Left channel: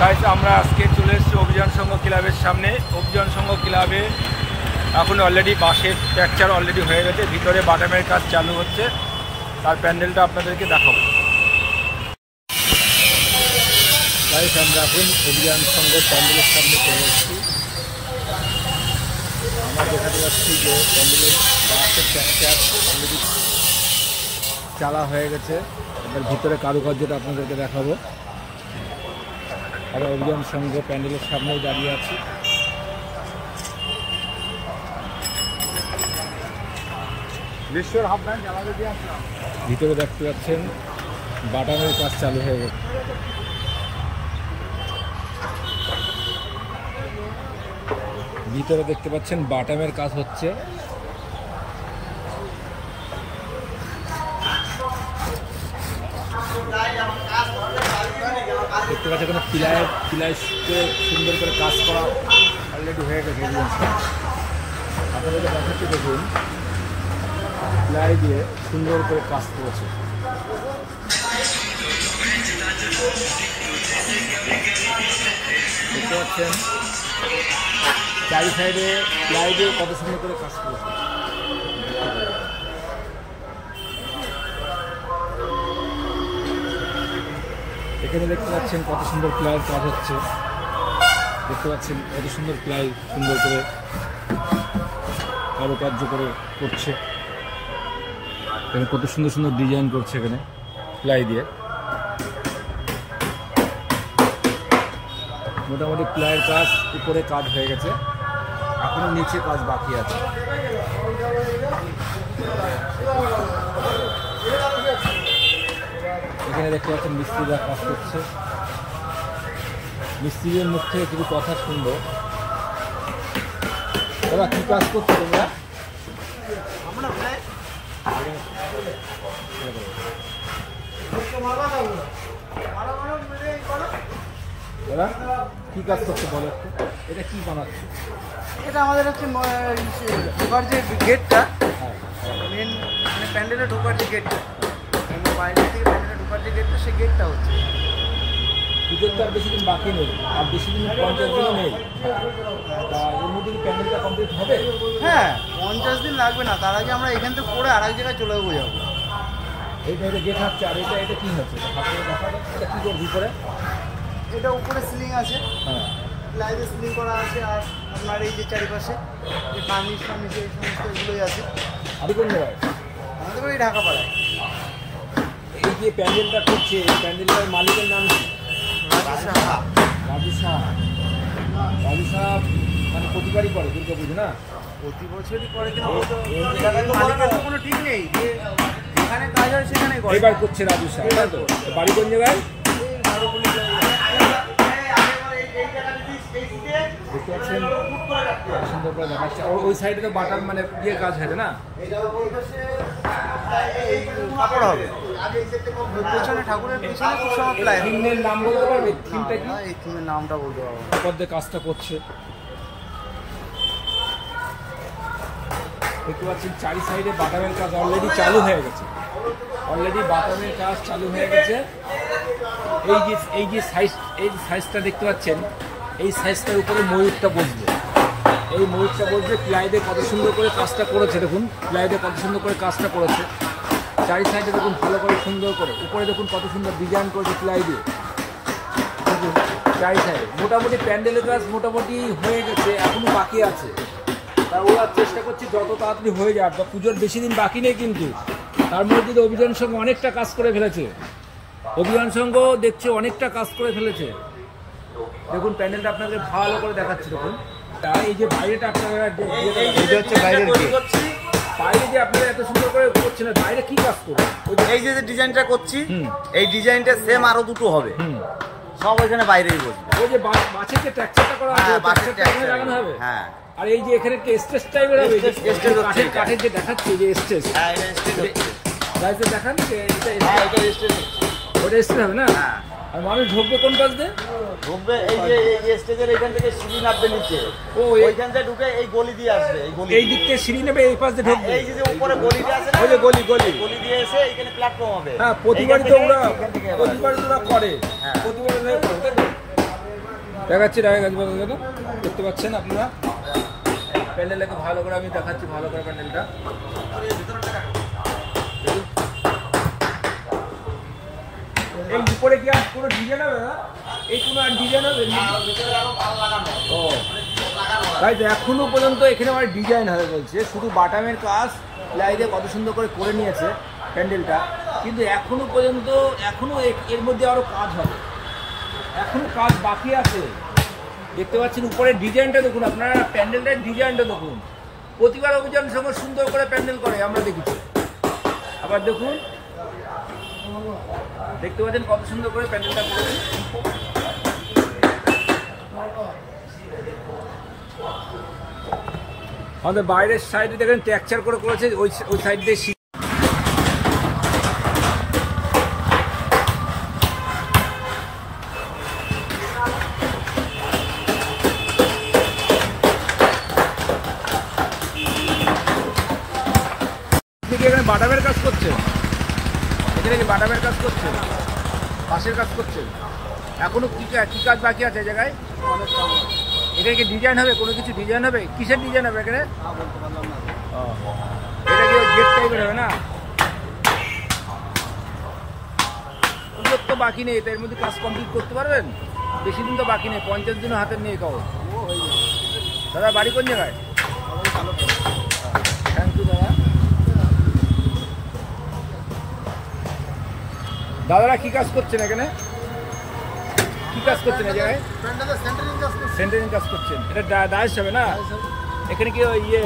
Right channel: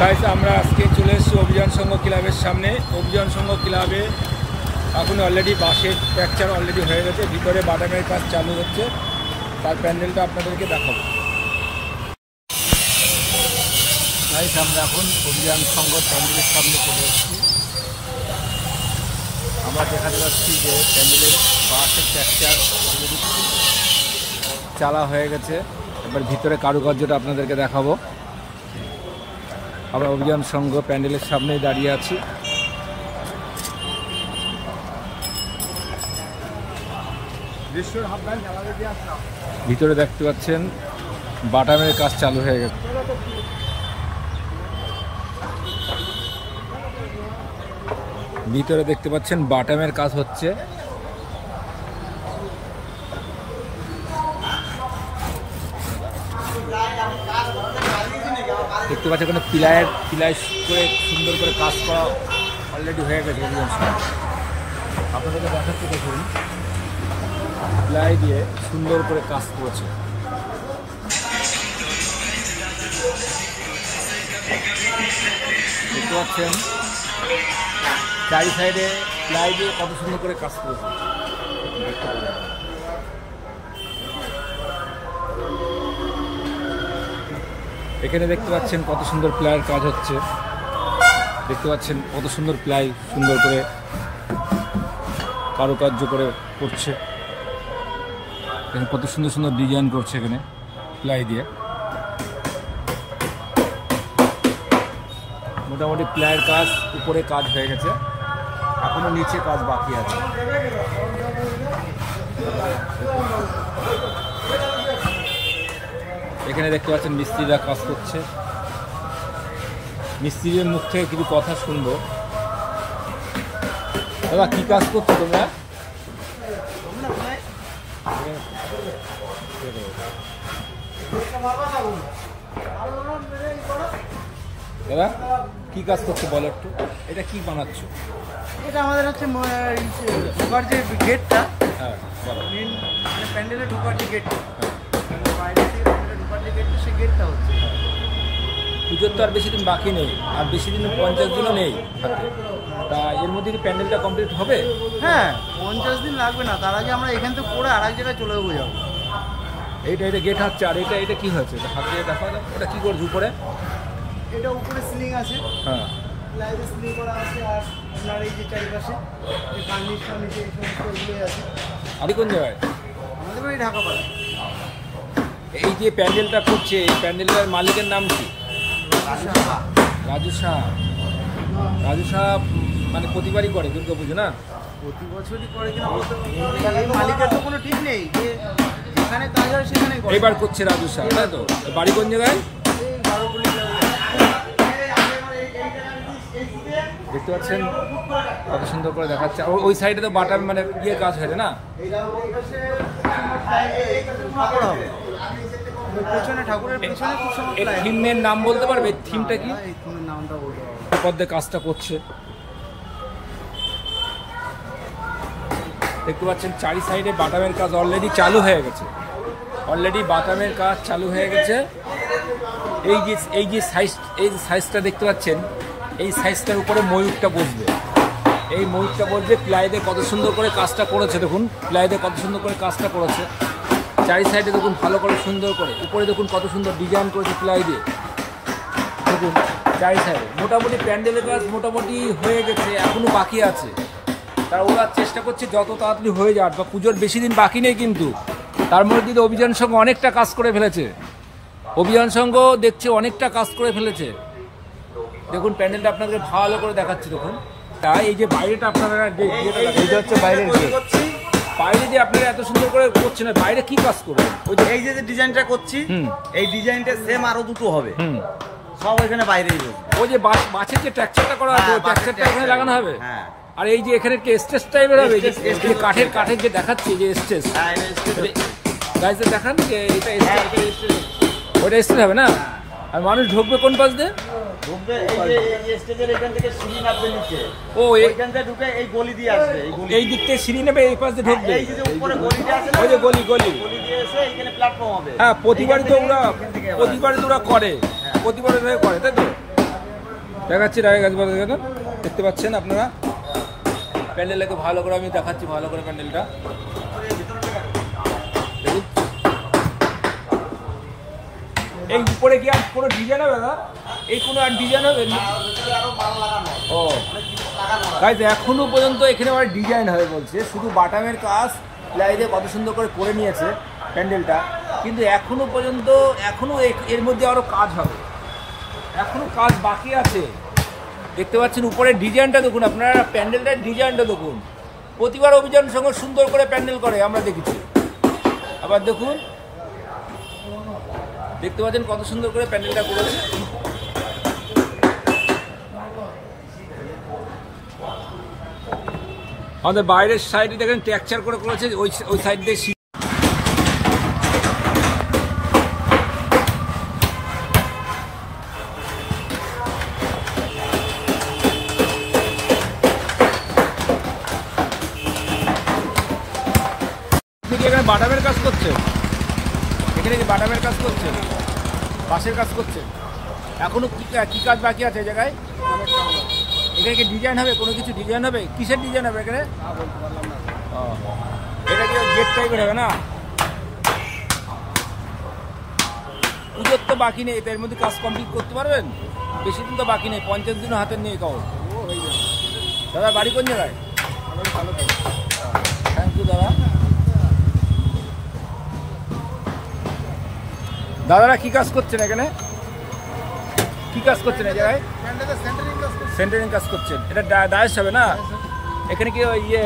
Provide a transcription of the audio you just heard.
Guys আমরা আজকে চলে এসেছি অভিযান সংঘ ক্লাবের সামনে। অভিযান সংঘ ক্লাবে এখন অলরেডি বাঁশের স্ট্রাকচার অলরেডি হয়ে গেছে, ভিতরে বাটামের কাজ চালু হচ্ছে, তার প্যান্ডেলটা আপনাদেরকে দেখাবো। গাইস আমরা এখন অভিযান সংঘ প্যান্ডেলের সামনে চলে এসেছি। আমরা দেখাতে পাচ্ছি যে প্যান্ডেলের বাঁশের স্ট্রাকচার অলরেডি চালা হয়ে গেছে। এবার ভিতরে কারুকার্যটা আপনাদেরকে দেখাবো। আমরা অভিযান সংঘ প্যান্ডেলের সামনেই দাঁড়িয়ে আছি। ভিতরে দেখতে পাচ্ছেন বাটামের কাজ চালু হয়ে গেছে। ভিতরে দেখতে পাচ্ছেন বাটামের কাজ হচ্ছে। দেখতে পাচ্ছেন এখানে পিলাই করে সুন্দর করে কাজ করা অলরেডি হয়ে গেছে অভিযান সংঘ। আপনাদেরকে দেখাচ্ছি, দেখুন পিলাই দিয়ে সুন্দর করে কাজ করেছে। দেখতে পাচ্ছেন চারি সাইডে পিলাই দিয়ে কত সুন্দর করে কাজ করেছে। এখানে দেখতে পাচ্ছেন কত সুন্দর প্লাইয়ের কাজ হচ্ছে। দেখতে পাচ্ছেন কত সুন্দর প্লাই সুন্দর করে কারুকার্য করে করছে। এখানে কত সুন্দর সুন্দর ডিজাইন করছে এখানে প্লাই দিয়ে। মোটামুটি প্লাইয়ের কাজ উপরে কাজ হয়ে গেছে, এখনো নিচে কাজ বাকি আছে। এখানে দেখতে পাচ্ছেন মিস্ত্রিরা কাজ করছে। মিস্ত্রির মুখ থেকে কিছু কথা শুনবো। দাদা কি কাজ করছো তোমরা? দাদা কি কাজ করছো বলো একটু, এটা কি বানাচ্ছ? এটা আমাদের হচ্ছে ঢোকার যে গেটটা, হ্যাঁ মেন মানে প্যান্ডেলে ঢোকার যে গেটটা, বাইরে থেকে প্যান্ডেলে ঢোকার যে গেটটা, সেই গেটটা হচ্ছে। পুজোর তো আর বেশি দিন বাকি নেই, আর বেশি দিন 50 দিনও নেই। তা এর মধ্যে কি প্যান্ডেলটা কমপ্লিট হবে? হ্যাঁ 50 দিন লাগবে না, তার আগে আমরা এখান থেকে করে আর এক জায়গায় চলে যাবো। এইটা গেট হচ্ছে, আর এটা কি হচ্ছে? হাতে দেখা যায় এটা কি করছে উপরে? এটা উপরে সিলিং আছে, হ্যাঁ লাইটে সিলিং করা আছে, আর আপনার এই যে চারিপাশে যে কার্নিশ ফার্নিশ এই সমস্ত এগুলোই আছে। আপনি কোন জায়গায়? আমাদের ওই ঢাকাপাড়ায়। এই যে প্যান্ডেলটা করছে, এই প্যান্ডেলটার মালিকের নাম কি? রাজু সাহা। রাজু সাহা। রাজু সাহা মানে প্রতিবারই করে দুর্গা পুজো না? প্রতি বছরই করে কিনা বলতে এই মালিকের তো কোনো ঠিক নেই, যে যেখানে কাজ হয় সেখানেই করে। এবার করছে রাজু সাহা, তাই তো? বাড়ি কোন জায়গায়? দেখতে পাচ্ছেন কত সুন্দর করে দেখাচ্ছে। ওই সাইডে তো বাটার মানে ইয়ে কাজ হয়েছে না? পেছনে ঠাকুরের পেছনে খুব সময় থিমের নাম বলতে পারবে? থিমটা কি? এই থিমের নামটা বলতে পারবো। পদ্মে কাজটা করছে। দেখতে পাচ্ছেন চারি সাইডে বাটামের কাজ অলরেডি চালু হয়ে গেছে। অলরেডি বাটামের কাজ চালু হয়ে গেছে। এই যে সাইজটা দেখতে পাচ্ছেন, এই সাইজটার উপরে ময়ূরটা বসবে। এই ময়ূরটা বসবে। প্লাই দিয়ে কত সুন্দর করে কাজটা করেছে, দেখুন প্লাই দিয়ে কত সুন্দর করে কাজটা করেছে। চারি সাইডে দেখুন ভালো করে সুন্দর করে, উপরে দেখুন কত সুন্দর ডিজাইন করেছে প্লাই দিয়ে। দেখুন চারি সাইডে মোটামুটি প্যান্ডেলের কাজ মোটামুটি হয়ে গেছে, এখনো বাকি আছে। তা ওরা চেষ্টা করছি যত তাড়াতাড়ি হয়ে যাওয়ার, বা পুজোর বেশি দিন বাকি নেই কিন্তু। তার মধ্যে কিন্তু অভিযান সংঘ অনেকটা কাজ করে ফেলেছে। অভিযান সংঘ দেখছে অনেকটা কাজ করে ফেলেছে। দেখুন প্যান্ডেলটা আপনাদের ভালো করে দেখাচ্ছি। দেখুন এই যে বাইরেটা আপনারা এইটা হচ্ছে বাইরের গেট। বাইরে যে আপনারা এত সুন্দর করে করছেন, বাইরে কি কাজ করবে? ওই যে এই যে ডিজাইনটা করছি, এই ডিজাইনটা সেম আরো দুটো হবে, সব ওইখানে বাইরেই বসবে। ওই যে বাসের যে ট্রাকচারটা করা আছে, ট্রাকচারটা এখানে লাগানো হবে। হ্যাঁ, আর এই যে এখানে একটা স্টেজ টাইপের হবে, কাঠের যে দেখাচ্ছি যে স্টেজ, গাইজে দেখান যে এটা স্টেজ, ওইটা স্টেজ হবে না? আর মানুষ ঢুকবে কোন পাশ দিয়ে? ঢুকবে এই যে স্টেজের এখান থেকে সিঁড়ি নামবে নিচে। ও এইখান থেকে ঢুকে এই গলি দিয়ে আসবে, এই দিক থেকে সিঁড়ি নেবে, এই পাশ দিয়ে ঢুকবে। এই যে উপরে গলিটা আছে, ওই যে গলি দিয়ে এসে এখানে প্ল্যাটফর্ম হবে। হ্যাঁ প্রতিবারই তো ওরা করে, প্রতিবারই করে, তাই তো? দেখাচ্ছি দেখতে পাচ্ছেন আপনারা প্যান্ডেলটাকে ভালো করে আমি দেখাচ্ছি, ভালো করে প্যান্ডেলটা দেখুন। এই উপরে কি আর কোনো ডিজাইন হবে না? এই কোনো আর ডিজাইন হবে? ও গাইস, এখনো পর্যন্ত এখানে আমার ডিজাইন হবে বলছে, শুধু বাটামের কাজ প্লাই দিয়ে কত সুন্দর করে নিয়েছে প্যান্ডেলটা, কিন্তু এখনো পর্যন্ত এখনো এর মধ্যে আরো কাজ হবে, এখনো কাজ বাকি আছে। দেখতে পাচ্ছেন উপরের ডিজাইনটা দেখুন আপনারা, প্যান্ডেলটার ডিজাইনটা দেখুন। প্রতিবার অভিযান সঙ্গে সুন্দর করে প্যান্ডেল করে আমরা দেখেছি। আবার দেখুন, দেখতে পাচ্ছেন কত সুন্দর করে প্যান্ডেলটা করেছে। আমাদের বাইরের সাইডে দেখেন টেক্সচার করে করেছে, ওই সাইড দিয়ে এখানে বাটামের কাজ করছেন, এখানে কি বাটামের কাজ করছেন, বাঁশের কাজ করছেন, এখনো কি কাজ বাকি আছে এই জায়গায়? অনেক কাজ আছে। এখানে কি ডিজাইন হবে, কোনো কিছু ডিজাইন হবে? কিসের ডিজাইন হবে এখানে? বলতে পারলাম না। ও, এটা কি গেট টাইপের হবে না? পুজোর তো বাকি নেই, এর মধ্যে কাজ কমপ্লিট করতে পারবেন? বেশি দিন তো বাকি নেই, 50 দিনও হাতের নেই কাগজ। ও হয়ে যাবে। দাদা বাড়ি কোন জায়গায়? ভালো। থ্যাংক ইউ দাদা। দাদারা কি কাজ করছেন এখানে? কি কাজ করছেন এই জায়গায়? সেন্টারিং কাজ করছেন। এটা ডায়াস হবে না? এখানে কি ইয়ে